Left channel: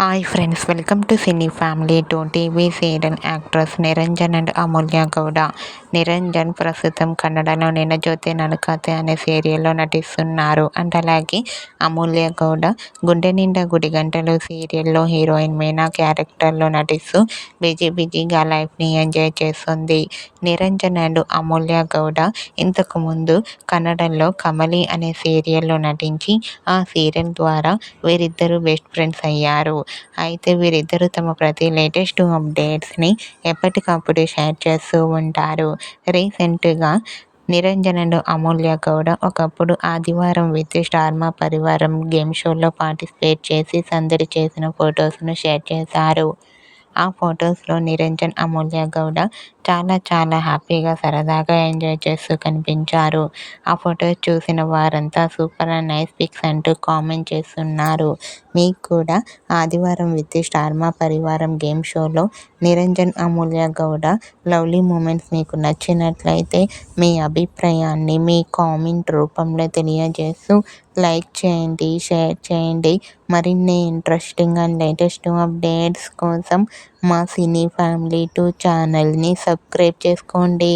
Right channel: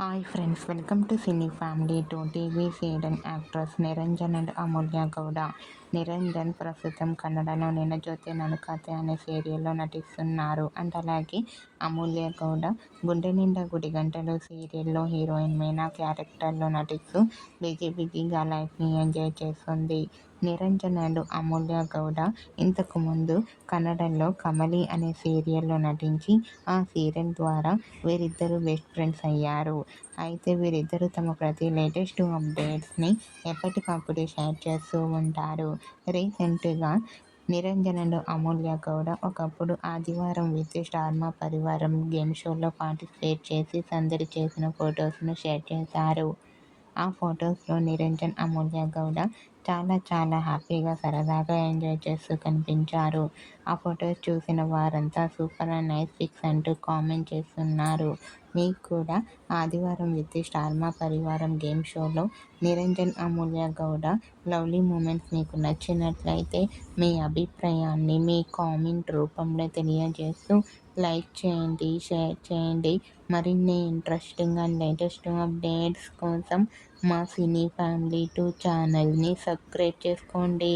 Hi friends, welcome to cine family two. TV serial actress Niranjan and Amulya Gowda. Niranjan ప్రస్తుతం కన్నడలో నిన్న జ్యోతి నడకతే అనే సీరియల్లో నటిస్తున్నారు. అండ్ అలాగే అమూల్య గౌడ గుండె నిండా గుడి గంటలు సీరియల్లో హీరోయిన్ మీనా క్యారెక్టర్లో నటిస్తూ బిజీగా లైఫ్ని ఎంజాయ్ చేస్తుంది. నిరంజన్ అండ్ అమూల్య గౌడ ఇంతకు ముందు కన్నడలో కమలి అనే సీరియల్లో నటించి ఆ సీరియల్ ద్వారా వీరిద్దరూ బెస్ట్ ఫ్రెండ్స్ అయ్యారు. అయితే వీరిద్దరూ తమ ప్రతి లేటెస్ట్ అప్డేట్స్ని ఎప్పటికప్పుడు షేర్ చేస్తూ ఉంటారు. రీసెంట్గా నిరంజన్ అండ్ అమూల్య గౌడ ఒకప్పుడు ఆదివారం విత్ స్టార్ మా పరివారం గేమ్ షోలో పార్టిసిపేట్ చేసి సందడి చేసిన ఫొటోస్ను షేర్ చేశారు. ఆ ఫొటోస్లో నిరంజన్, అమూల్య గౌడ చాలా హ్యాపీగా సరదాగా ఎంజాయ్ చేస్తూ కనిపించారు. ఆ ఫొటోస్ చూసిన వారంతా సూపర్ అండ్ నైస్ పిక్స్ అంటూ కామెంట్ చేస్తున్నారు. మీకు కూడా ఆదివారం విత్ స్టార్ మా పరివారం గేమ్ షోలో నిరంజన్, అమూల్య గౌడ లవ్లీ మూమెంట్స్ మీకు నచ్చినట్లయితే మీ అభిప్రాయాన్ని మీ కామెంట్ రూపంలో తెలియజేస్తూ లైక్ చేయండి, షేర్ చేయండి. మరిన్ని ఇంట్రెస్టింగ్ అండ్ లేటెస్ట్ అప్డేట్స్ కోసం మా సినీ ఫ్యామిలీ 2 ఛానల్ని సబ్స్క్రైబ్ చేసుకోండి.